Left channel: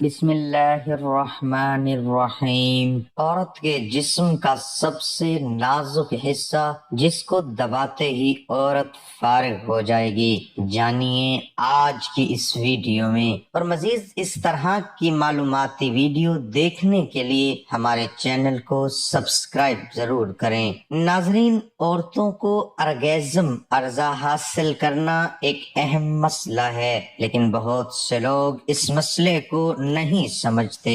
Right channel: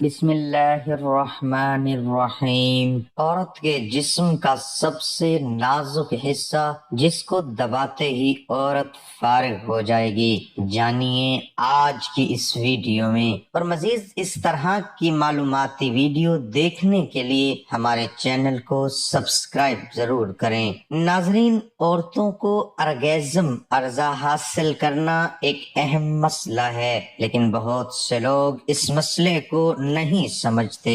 بسم اللہ الرحمن الرحیم۔ عورت کے جسم کا سب سے نازک حصہ جس کو دباتے ہی عورت فارغ ہو جائے گی، جانیے آج کی اس ویڈیو میں۔ اور مزید اس طرح کی معلوماتی ویڈیو دیکھنے کے لیے ہمارے چینل کو سبسکرائب ضرور کریں۔ ناظرین، عورتوں کو ارگیزم عرضہ حاصل کرنا ایک اہم مسئلہ ہے، لیکن بہت سے لوگ اس مسئلے کو نہیں سمجھتے۔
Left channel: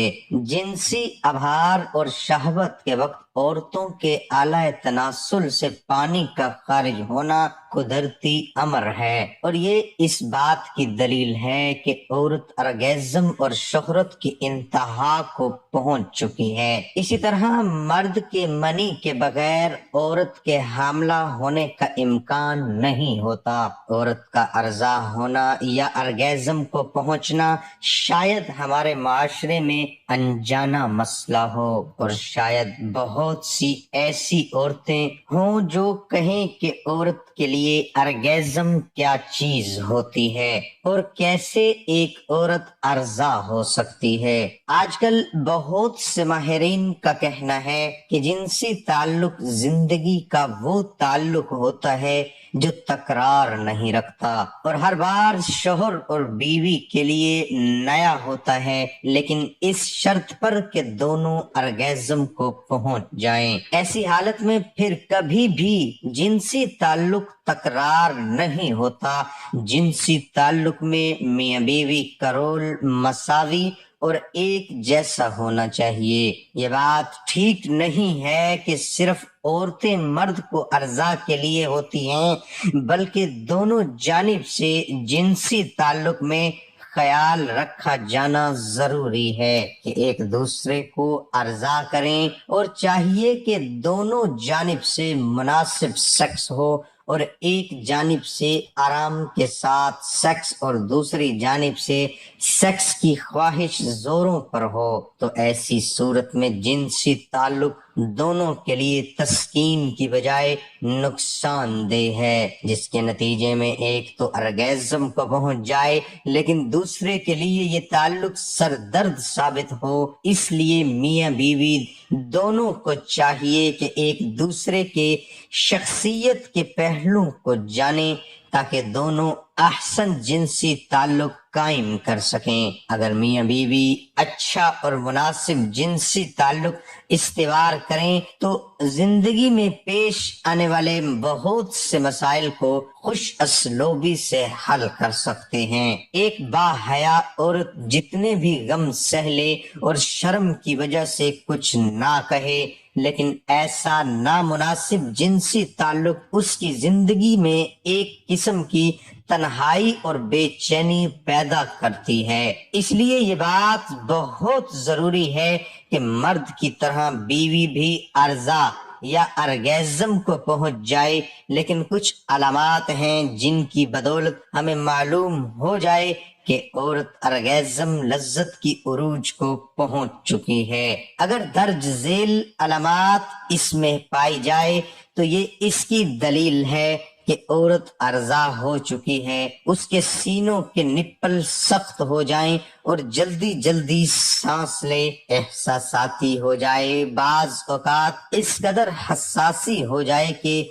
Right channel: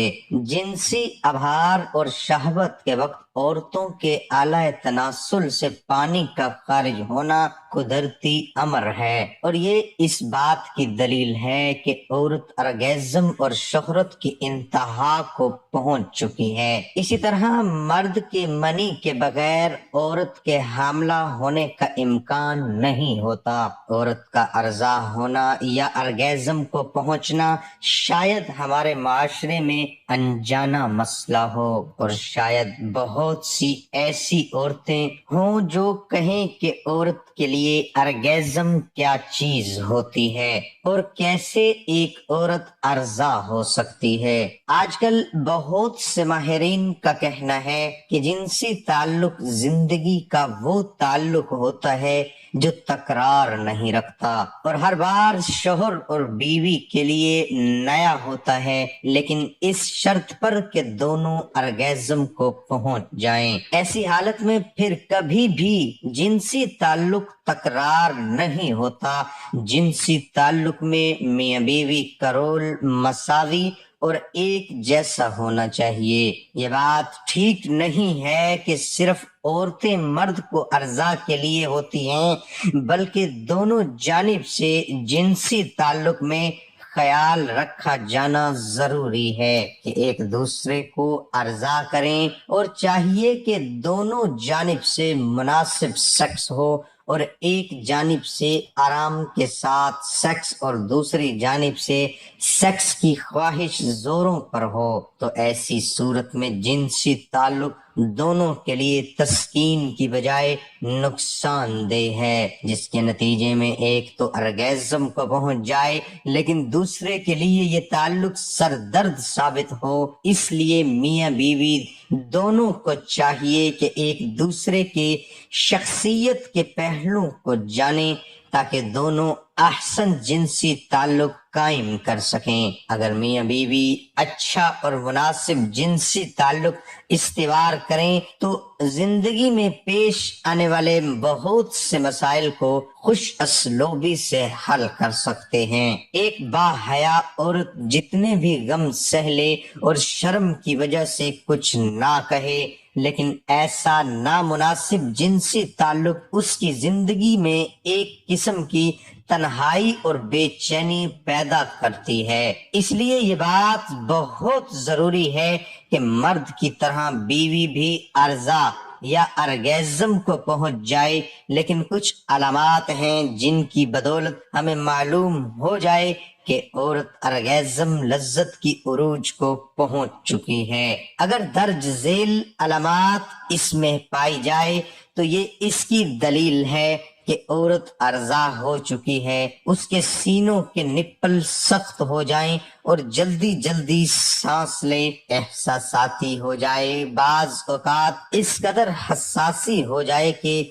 جنسی ابھار اور شہوت کے وقت عورتوں کے اعلی تناسل سے پانی کا خارج ہونا قدرتی امر ہے، اور یہ اس بات کی دلیل ہے کہ عورت ارگیزم اور شہرت کی انتہا کو پہنچ چکی ہے۔ اسی طرح مرد کے منی کے بغیر عورت کے حاملہ ہونے کا امکان نہیں ہوتا۔ عورت کا عرضہ ہونا یا ارگیزم کو پہنچنا شاید ہمارے معاشرے میں انجانا مسئلہ ہو، اور شاید بہت سی ایسی عورتیں ہوں جو کہیں کہ عورت کے لیے ارگیزم کیا چیز ہوتی ہے اور کیسے ایک عورت ارضا ہو سکتی ہے۔ آج کل بہت سے ماہرین کا کہنا ہے کہ جنسی تعلق زندگی کا وہ تعلق ہوتا ہے جو تکرار نہیں رکھتا، اور ہر بار شوہر اور بیوی کے لیے نیا ہوتا ہے، لیکن اس شرط پر کہ دونوں ارگیزم کو پہنچ جائیں۔ ایسی حالت میں پھر کبھی بھی جنسی تعلق تکرار نہیں ہوتا۔ جنسی تعلق میں میاں بیوی کا رول مساوی اور ایک جیسا ہونا چاہیے۔ یہ بات ٹھیک نہیں ہے کہ صرف عورتیں مرد کو ارضا کے لیے ہوتی ہیں، بلکہ دونوں جانب سے جنسی تعلق میں خیال رکھا جانا ضروری ہے کہ ایک دوسرے کو ارضا کریں، اور چاہیے کہ دونوں جانب سے مناسب سیکس ہو، اور ایک جانب سے آرام کے ساتھ سیکس اور دوسری جانب سے سیکس کی خواہش زوروں پر ہو، تو ایسی صورت میں جنسی تعلق دونوں کے لیے تسکین کی بجائے نقصان دہ ہے، جس کے نتیجے میں ایک تو ارگیزم کو پہنچ جائے لیکن دوسرے کے لیے یہ تعلق سردرد ثابت ہو۔ اس لیے میاں بیوی دونوں کو چاہیے کہ ایک دوسرے کے شخصیت کے پہلو کو جانیں تاکہ دونوں احسن جنسی تعلق قائم کر سکیں۔ اگر میاں بیوی اچھا اور مناسب جنسی تعلق استوار کریں تو زندگی میں پیش آنے والے بہت سے مسائل کو خوش اسلوبی سے حل کر سکتے ہیں۔ ایک باحیا عورت جتنے بھی غم سہ لے اور شرم کی وجہ سے کچھ نہ کہے، لیکن ایسا نامناسب جنسی تعلق اس کی زندگی میں ایک قسم کی تنہائی اور بے چینی پیدا کرتی ہے۔ اس لیے یہ بات بہت ضروری ہے کہ مرد کی طرح بیوی بھی ارضا یا ارگیزم کو پہنچ جائے، لیکن کچھ علامات ہیں جن کی بدولت ہمیں معلوم ہو جائے کہ عورت ارگیزم لذت کی عروج کو پہنچ چکی ہے۔ اگر درج ذیل علامات اس میں پائی جائے تو یہ اس کی دلیل ہے کہ عورت ارضا ہو چکی ہے۔ اس کے سینوں کے نپل سخت ہو جائیں اور جلدی جلدی سانس لے، احساساتی ہو جائے، بعض اوقات اس قدر حساسی ہو جائے کہ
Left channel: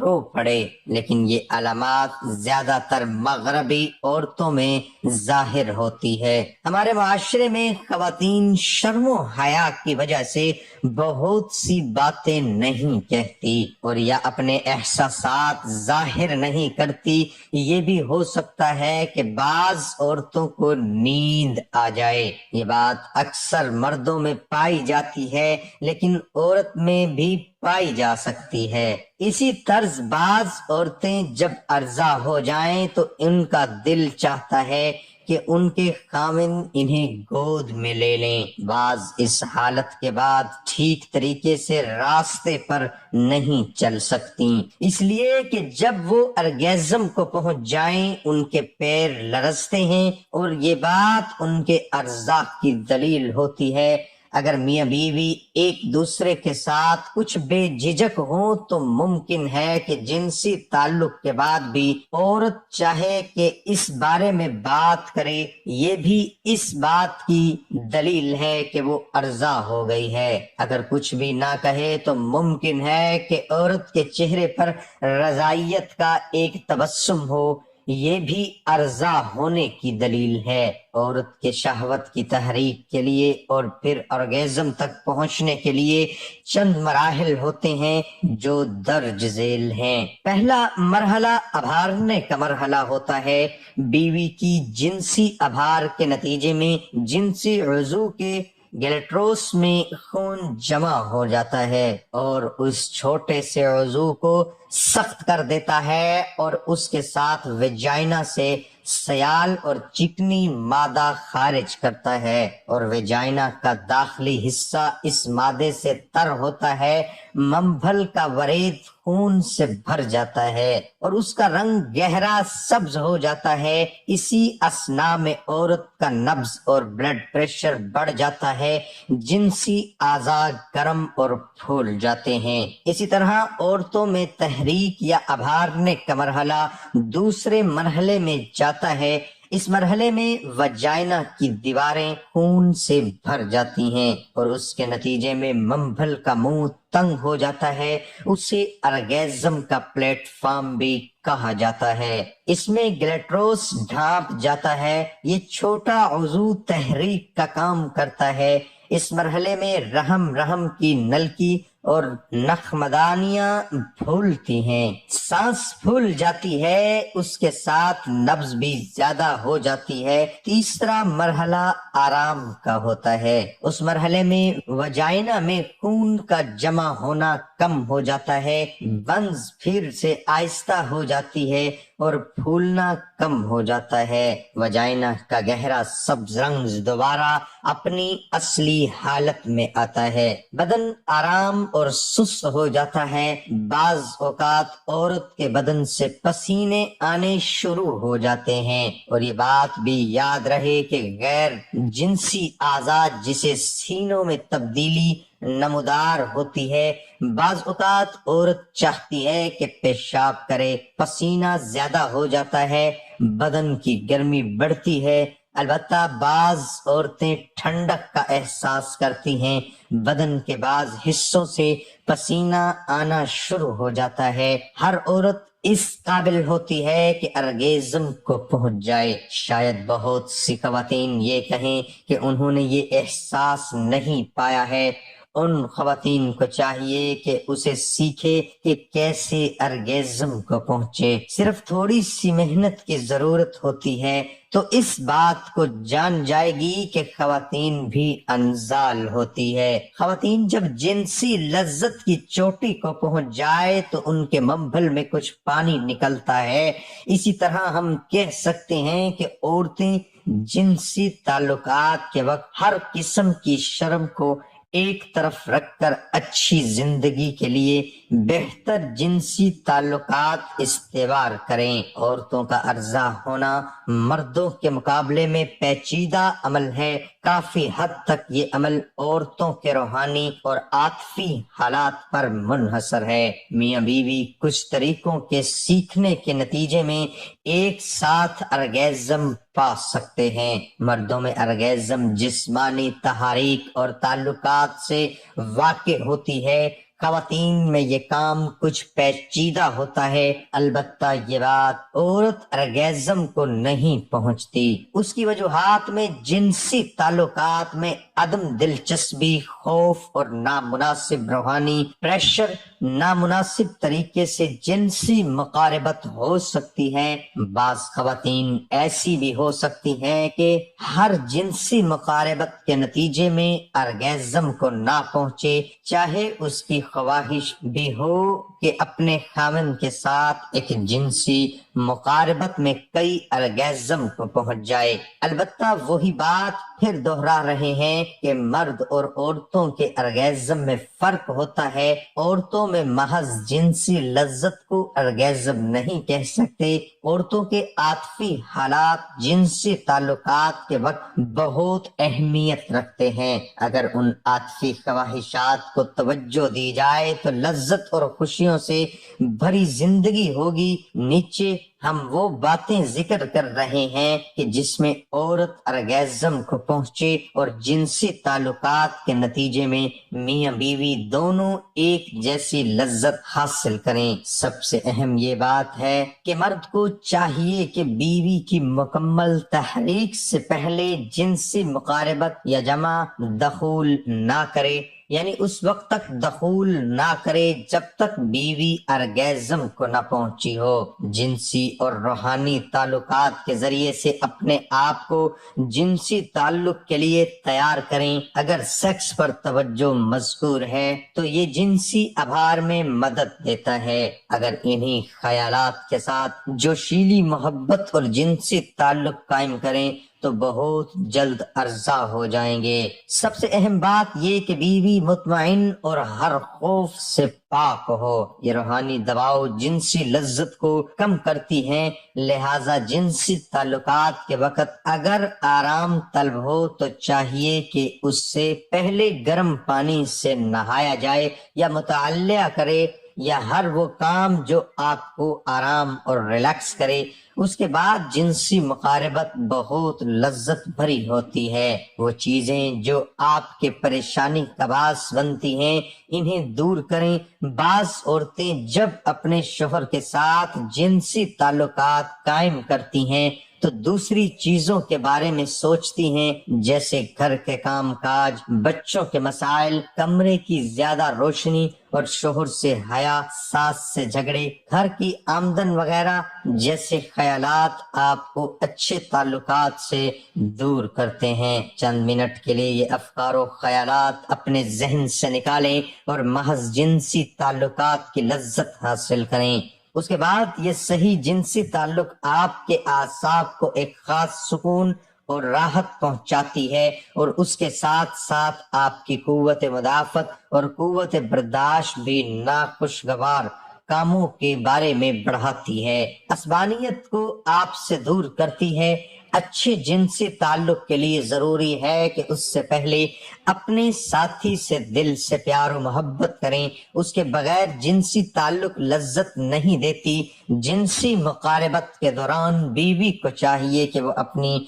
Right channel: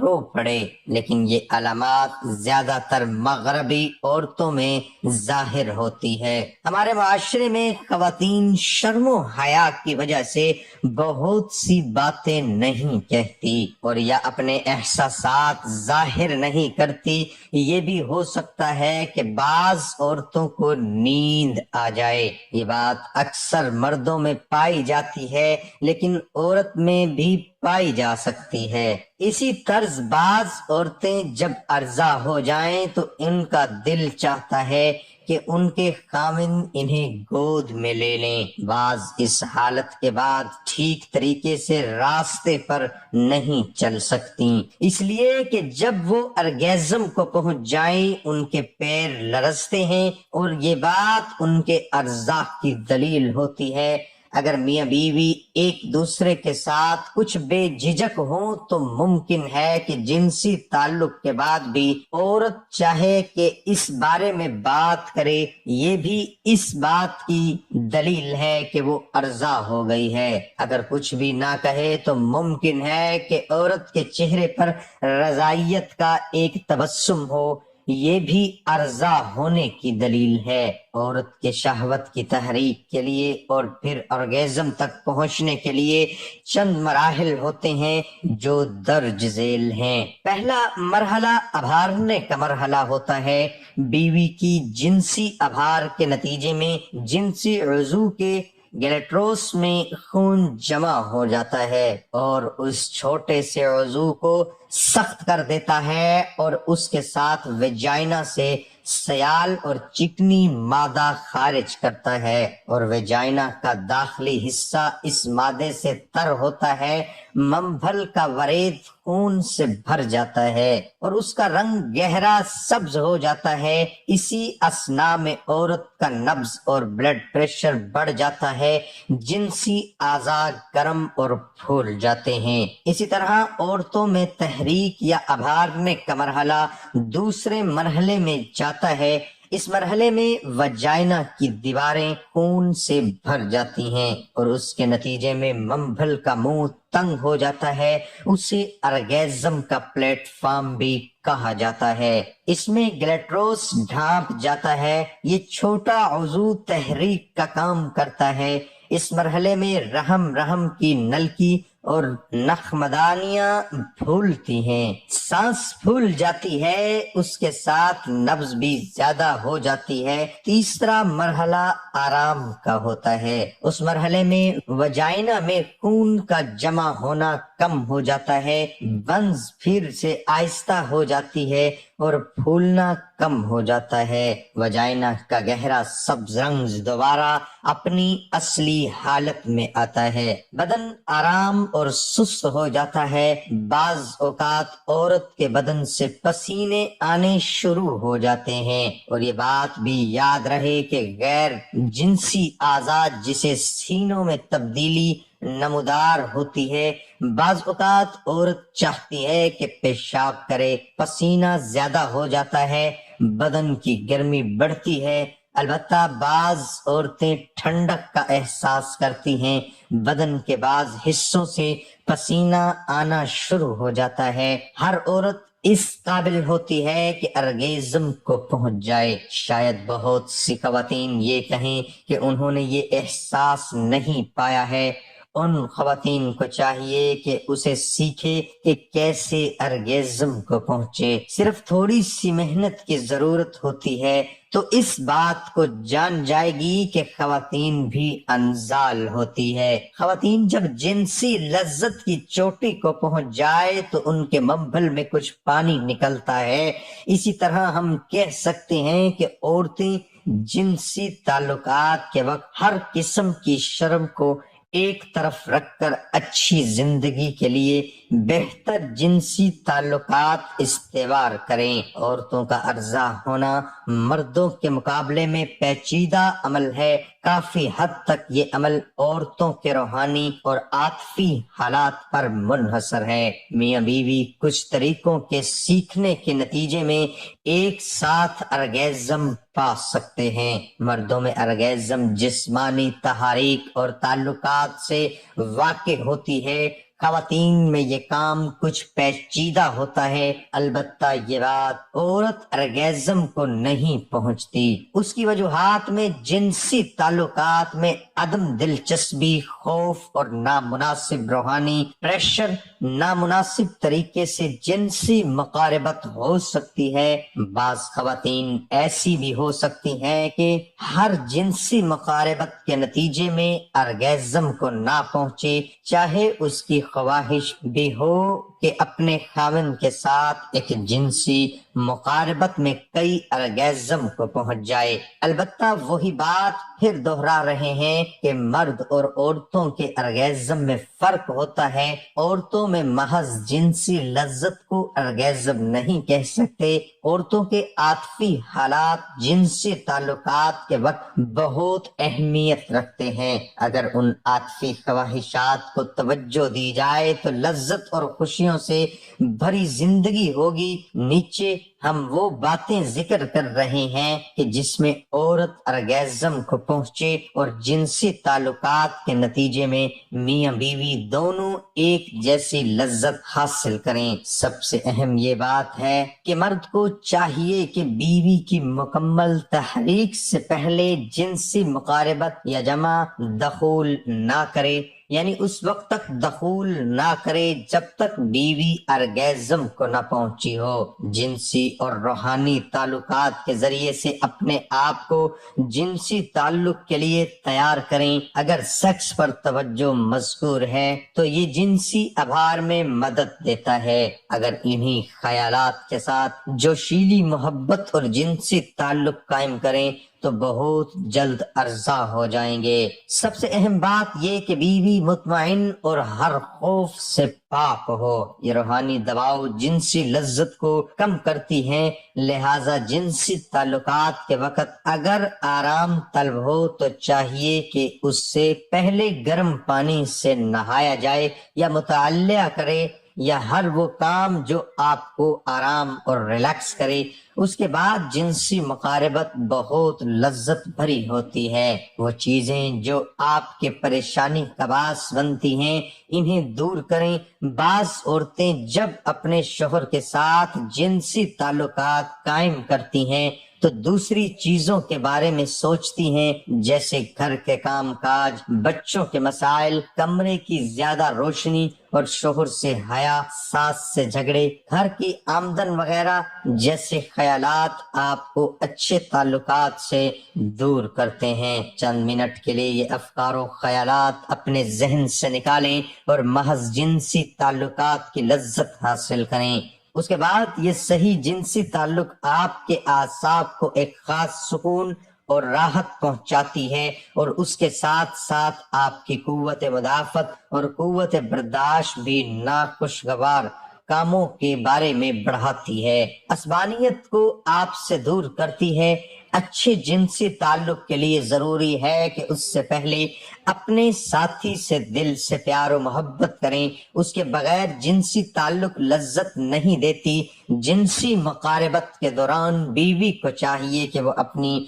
رو پڑے۔ لیکن یہ علامات زیادہ تر مغربی عورتوں میں ظاہر ہوتی ہے۔ ہمارے معاشرے میں خواتین شرم و حیا کی وجہ سے بہت سی باتیں نہیں کہتی اور یا اپنے احساسات ظاہر نہیں کرتی۔ یہ بھی ہو سکتا ہے کہ بعض عورتوں کو نیند آ جائے۔ یہ بات اکثر مردوں میں پائی جاتی ہے لیکن عورت میں بھی پائی جا سکتی ہے۔ اسی طرز بعض عورتیں جب ارضا ہو جائیں تو ان کا دل چاہتا ہے کہ ان کے خاوند انہیں گود میں لے لیں۔ بعض اس حالت کے بعد ٹھیک طریقے سے راستے پر نہیں چل سکتی، اس لیے کہ جب وہ ارگیزم کو پہنچ جائیں ان کے پیر لرزتے ہیں، اور یہ بات ان کے ارزاق کی دلیل ہوتی ہے۔ اگر میاں بیوی ایک دوسرے کے ساتھ کچھ بے جھجک ہوں تو ممکن ہے کہ جنسی تعلق کے بعد بھی عورت چاہے کہ اس بارے میں بات کرے، یہ بھی اس بات کی دلیل ہے کہ وہ ارضا ہو گئی ہے۔ اگر کچھ بھی نہ کہے تو ممکن ہے کہ عورت کے چہرے پر رضائیت کا ایک تبسم ہو، یہ بھی ارضا ہونے کی دلیل ہے۔ عورت کے شہوت کی تحریک کے لیے اور پھر orgasm تک پہنچنے کے لیے چند مراحل ہوتے ہیں جو درج ذیل ہیں۔ پہلا مرحلہ ابھارنے کا مرحلہ ہوتا ہے۔ بیوی کی جنسی ابھار کے نتیجے میں جنسی عضو کے گلیٹروس میں خون جمع ہو جاتا ہے اور اس چھوٹے سے عضو کو سخت کر دیتا ہے اور اس کے ساتھ ویجائنا سے سیال اور چکنی مادہ خارج کرتا ہے، اور ویجائنا کا داخلی حصہ اس مادے سے تر ہوتا ہے۔ منبھل کا ورید خون سے بھر جاتا ہے اور اس کا رنگ گہرا سبز ہو جاتا ہے۔ اسی اثناء میں عورت کا نبض اور بلڈ پریشر بڑھ جاتا ہے، جنسی اعضاء گرم اور پھول جاتے ہیں۔ اسی طرح عورتوں میں تحریک یا ابھارنے کا مرحلہ دوسرے مرحلے میں جاتا ہے۔ اس مرحلے میں وجائنا کی دیواریں خون سے بھر جاتی ہیں اور اس کے نتیجے میں منبھل کا منہ تنگ ہو جاتا ہے۔ اسے ارگیزم کا پلیٹ فارم بھی کہا جاتا ہے۔ اس میں گلیٹروس ڈھانپ جاتا ہے۔ یہ چھوٹا عضو تحریک کا کام کرتا ہے۔ اس مرحلے میں رحم کی نلکی اور نخمدانیاں پھولتی ہیں، سانس پھول جاتی ہے، اس کے ساتھ نبض بھی زیادہ ہو جاتی ہے۔ تیسرا مرحلہ آرام کا ہوتا ہے۔ اس مرحلے میں وجائنا میں خون کا جمع ہونا کم ہو جاتا ہے، بنز پھر سے آہستہ ہو جاتی ہے اور پھولنا کم ہو جاتا ہے۔ وجائنا کا گہرا سبز رنگ دوبارہ اپنی اصلی حالت میں آتا ہے۔ بدن آرام اور سست ہو جاتا ہے۔ بعض اوقات عورت کے بدن سے پسینے آنے شروع ہو جاتے ہیں، اور یہ بات بھی یاد رہے کہ غیر جنسی اعضاء جسے سینوں میں تبدیلی نمودار ہوتی ہے، بعض اوقات عورت چاہتی ہے کہ پیشاب کرے، پسینہ زیادہ ہو جاتا ہے، بدن کی گرمی بڑھتی ہے۔ البتہ بعض عورتیں ٹھنڈک کا احساس کرتی ہیں، بدن کے بعض حصوں سے پسینہ آنا شروع ہو جاتا ہے۔ ہر عورت اس قابل ہوتی ہے کہ ارگیزم کو پہنچ جائے۔ شاید بہت سی خواتین یہ کہیں کہ انہوں نے یہ احساس نہیں پایا ہے۔ ان خواتین کو چاہیے کہ اسے سیکھے کہ کیسے ارگیزم کو پہنچے۔ صرف تھوڑی سی محنت کی ضرورت ہوتی ہے تو اس بات کو جان جائے گی کہ خواتین بھی انزال ہوتی ہے۔ خواتین جب جنسی لذت کی چوٹی کو پہنچ جائے تو ان کے منبھل میں کچھ پانی نکلتا ہے۔ اسی طرح ہم کہہ سکتے ہیں کہ عورتیں جنسی تعلقات کے وقت ہر قسم کی شرم کو ایک طرف رکھ کر اچھی زندگی کے لیے بہتر جنسی تعلقات استوار کریں۔ عورتوں کا ارضا ہونا مردوں کے مقابلے میں پیچیدہ عمل ہے۔ کافی حد تک یہ عمل عورتوں کے روحانی اور عاطفی حالات پر منحصر ہے۔ میاں بیوی کچھ طریقوں کے سیکھنے کے نتیجے میں ایک ساتھ ارگیزم پا سکتے ہیں۔ مردوں میں ارگیزم جسمانی تحریک اور تعلقات سے واقع ہوتی ہے، خواتین میں یہ کام کچھ پیچیدہ ہوتا ہے۔ البتہ یہ بات عورت ارگیزم کو نہیں پہنچتی۔ اس کی وجوہات میں جنسی تعلقات میں عدم دلچسپی، خوف اور نامناسب روحانی پریشر، نامناسب طریقے سے جنسی مقاربت ہو سکتی ہے۔ بعض خواتین ایسی بھی ہو سکتی ہیں کہ ہر جنسی مقاربت کے نتیجے میں ارگیزم کو نہ پہنچے، چاہے اس کی خواہش بھی ہو کہ اپنے خاوند کے ساتھ ایک جنسی مقاربت میں کئی ارگیزم کو پہنچ جائے۔ البتہ وہی بات پھر دہرا رہے ہیں کہ مرد اور عورتوں کے ارگیزم میں فرق ہوتا ہے۔ عورتوں میں محض جنسی لذت کو ارگیزم نہیں کہہ سکتے۔ عورتوں کے عاطفی حالات جنسی تعلقات کے وقت بہت اہمیت رکھتے ہیں۔ اگر ان عاطفی خواہشات کو توجہ دی جائے تو لذت اور خوشیوں سے بھری زندگی ہوگی۔ نیچے ہم وہ باتیں ذکر کر رہے ہیں کہ جس میں عورت ارگیزم کو پہنچے اور جنسی تعلقات کے نتیجے میں میاں بیوی دونوں ایک جیسی لذت حاصل کریں۔ سب سے اہم یہ بات ہے کہ مرد کو چاہیے کہ بیوی کی مکمل تحریک سے پہلے جنسی مقاربت یا جمع دخول نہ کرے، یعنی اس وقت تک دخول نہ کرے جب تک بیوی ارگیزم کو نہ پہنچی ہو۔ جنسی اور روحانی تعلقات کے ذریعے سے اپنے آپ کو جنسی تعلق کے لیے تیار کریں۔ اگر سیکس پر توجہ مذکور ہے تو یہ جنسی ابھار میں مدد دیتا ہے۔ اگر انہی خیالات کے ساتھ جوشیلی محبت اور جنسی تعلق قائم کریں تو بہت جلد ارضا ہو جائیں گے۔ سب سے اہم بات یہ کہ بیوی مطمئن اور ہر خوف سے پاک ہو۔ یہ روحانی دباؤ جنسی لذت کو کم کرتی ہیں، لہذا جنسی تعلقات کے وقت اگر آرام طلب ہو تو چاہیے کہ اس سے پہلے گرم پانی سے نہایا جائے یا مطالعہ کرے یا ہر وہ کام جو آپ کو آرام اور ریلیکس کرے۔ اس کے بعد جنسی مقاربت بہت لذت بھری ہوتی ہے۔ وہ چیزیں جو آپ کے پریشانی کا باعث بنتی ہیں انہیں دور کریں۔ بعض عورتیں جب اپنے شوہر کے ساتھ جنسی تعلقات قائم کرتی ہیں تو دوسری چیزوں کے بارے میں سوچتی ہیں، جیسے گھر کے کام کاج، بچوں کے مسائل، کمرے کی زیادہ روشنی اور شوہر سے حیا، ساس سے جھگڑے، گھر کی آمدن وغیرہ جیسے خیالات آپ کو اچھے تعلقات سے دور کرتے ہیں۔ چند منٹ کے لیے یہ افکار و خیالات اپنے ذہن سے نکالیں اور محض جنسی تعلقات کی لذت حاصل کریں۔ اس کے بعد یہ صحیح جنسی تعلق آپ کے اعصاب کو ایک خاص سکون اور راحت پہنچاتی ہے اور اس کے ساتھ ساتھ آپ کی قوت مدافعت اور قوت برداشت بھی ناخوشگوار کاموں کے بارے میں بڑھاتی ہے، عصبانیت کو آپ سے دور کرتی ہے۔ اچھے جنسی تعلق کے لیے ضروری ہے کہ اس سے پہلے اپنے ساتھی سے دل سے پیار و محبت کریں۔ اس کے بغیر جنسی تعلق لذت نہیں دیتی۔ جنسی مقاربت کے دوران بیوی کو چاہیے کہ وہ اپنی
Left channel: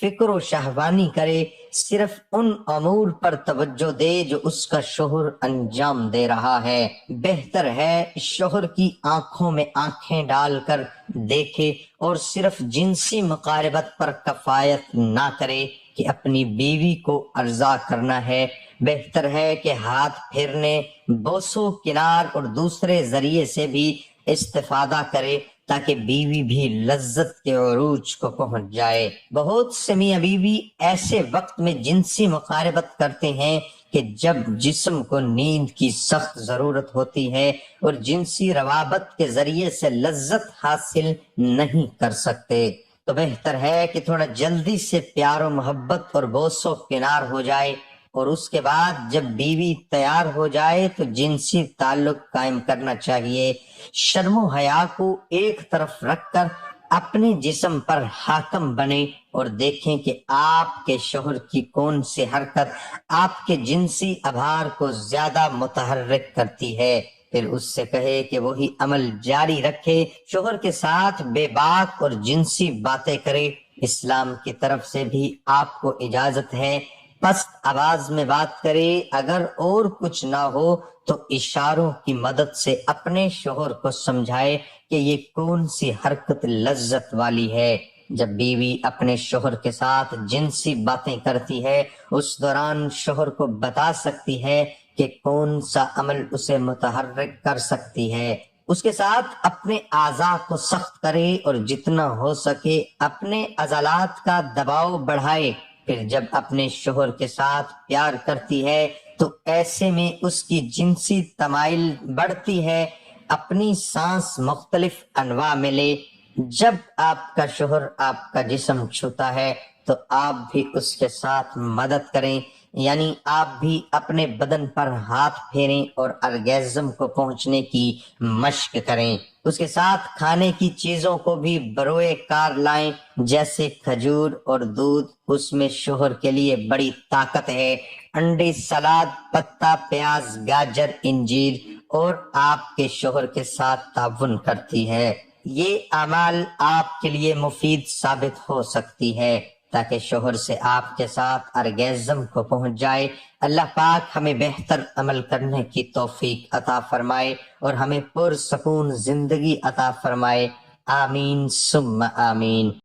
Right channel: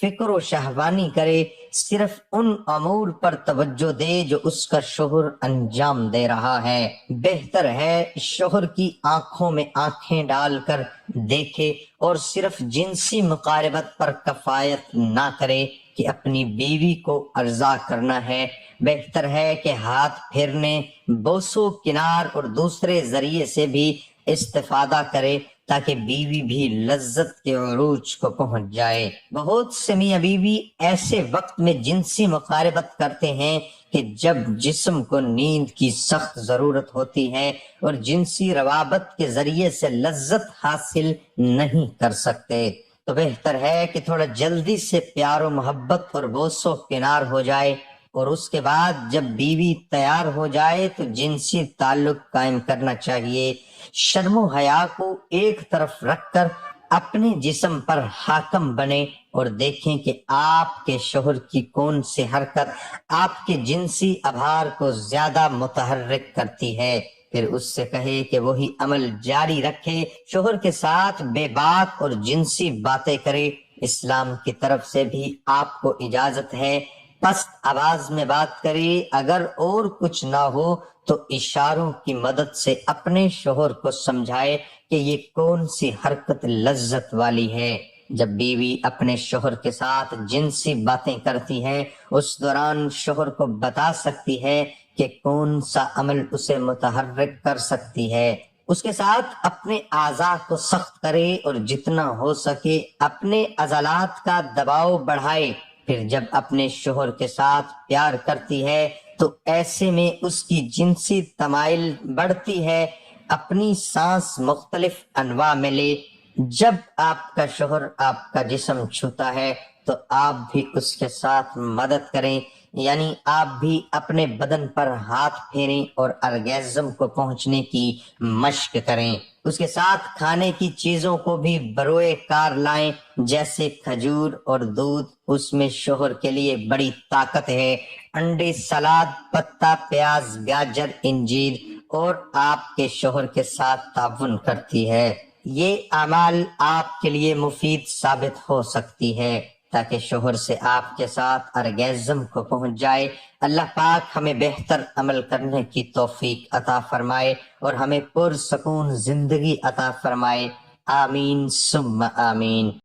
فکر و شہوانی کرے، صرف ان امور پر توجہ دے جو اس کا شوہر انجام دے رہا ہے۔ بہتر ہے شوہر کی آنکھوں میں آنکھیں ڈال کر دیکھے اور صرف جنسی مقاربت پر کفایت نہ کرے کہ اپنی بیوی کو ارضا کرنا ہے۔ بہتر ہے کہ ہاتھ پھیرنے، بوسو کنار اور دوسرے ذریعے سے بھی استفادہ کرے تاکہ بیوی بھی لذت کے عروج کو پہنچ جائے۔ بہت سے میاں بیوی ایسے وقت میں جنسی مقاربت کرتے ہیں کہ جب جسم کو نیند کی سخت ضرورت ہوتی ہے اور جنسی روابط کے ذریعے سے لذت حاصل نہیں کر سکتے، تو بہتر ہے کہ تھوڑا جلدی سے پیار و محبت اور بوس و کنار ہو جائے اور اس کے بعد جب بیوی تیار ہو جائے تو جنسی تعلق قائم کرنا چاہیے۔ شرم و حیا کو ایک طرف رکھ کر اپنے جسم پر حاکم بنے اور دیکھیں کہ آپ کے شوہر کی کون سی حرکت آپ کے جنسی ابھار کو زیادہ متحرک کرتی ہے، پھر اس سے کہے کہ وہی عمل جاری رکھے، شوہر کے ساتھ بے باک اور جنسی باتیں کرے۔ اسلام کی طرف سے بھی آپ کو اجازت ہے پست آواز میں بات کرے، اگر اور کچھ نہ ہو تو اشاروں کی مدد سے اپنے شوہر کو سمجھائے کہ یہ کون سی حرکت لذت والی ہے۔ جب بیوی اپنے شوہر کے ساتھ جنسی باتیں کرتی ہے اس دوران شوہر کو بتا سکتی ہے کہ کون سا عمل اسے متحرک کر سکتی ہے۔ اس کے ساتھ اپنے اعضاء کو سخت کرے اور جتنا ہو سکے اپنے عضلات کا دباؤ بڑھائے۔ پھر جب اپنے شوہر کے ساتھ پیار کرتی ہے تو ایسے میں اس کی جنسی تمائل بڑھتی ہے۔ اپنی سانس مختلف انواع میں لے۔ جب آپ کا شوہر آپ کا جسم چھوتا ہے تو آپ بھی اس کے ساتھ مدد کریں، یعنی آپ بھی اپنے بدن پر ہاتھ پھیریں اور ارگیزم کو پہنچنے کی مشق کریں۔ اس کے ساتھ کھانے کی چیزوں کو بھی بروئے کار لائیں، جیسے کھجور اور دودھ، اس میں شوہر کے لیے بڑی طاقت ہے۔ انڈے، سلاد، پتا، پیاز، گاجر، انجیر اور آپ کے شوہر کے ساتھ تعاون کرتی ہے۔ یہ اعمال آپ کے لیے مفید ثابت ہو سکتی ہے تاکہ شوہر سے آپ کے ساتھ ارگیزم کو پہنچ جائے۔ اللہ پاک ہمیں بہتر عمل کرنے کی توفیق عطا فرمائے اور ہمیں پرسکون زندگی عطا فرمائے۔ آمین ثم آمین۔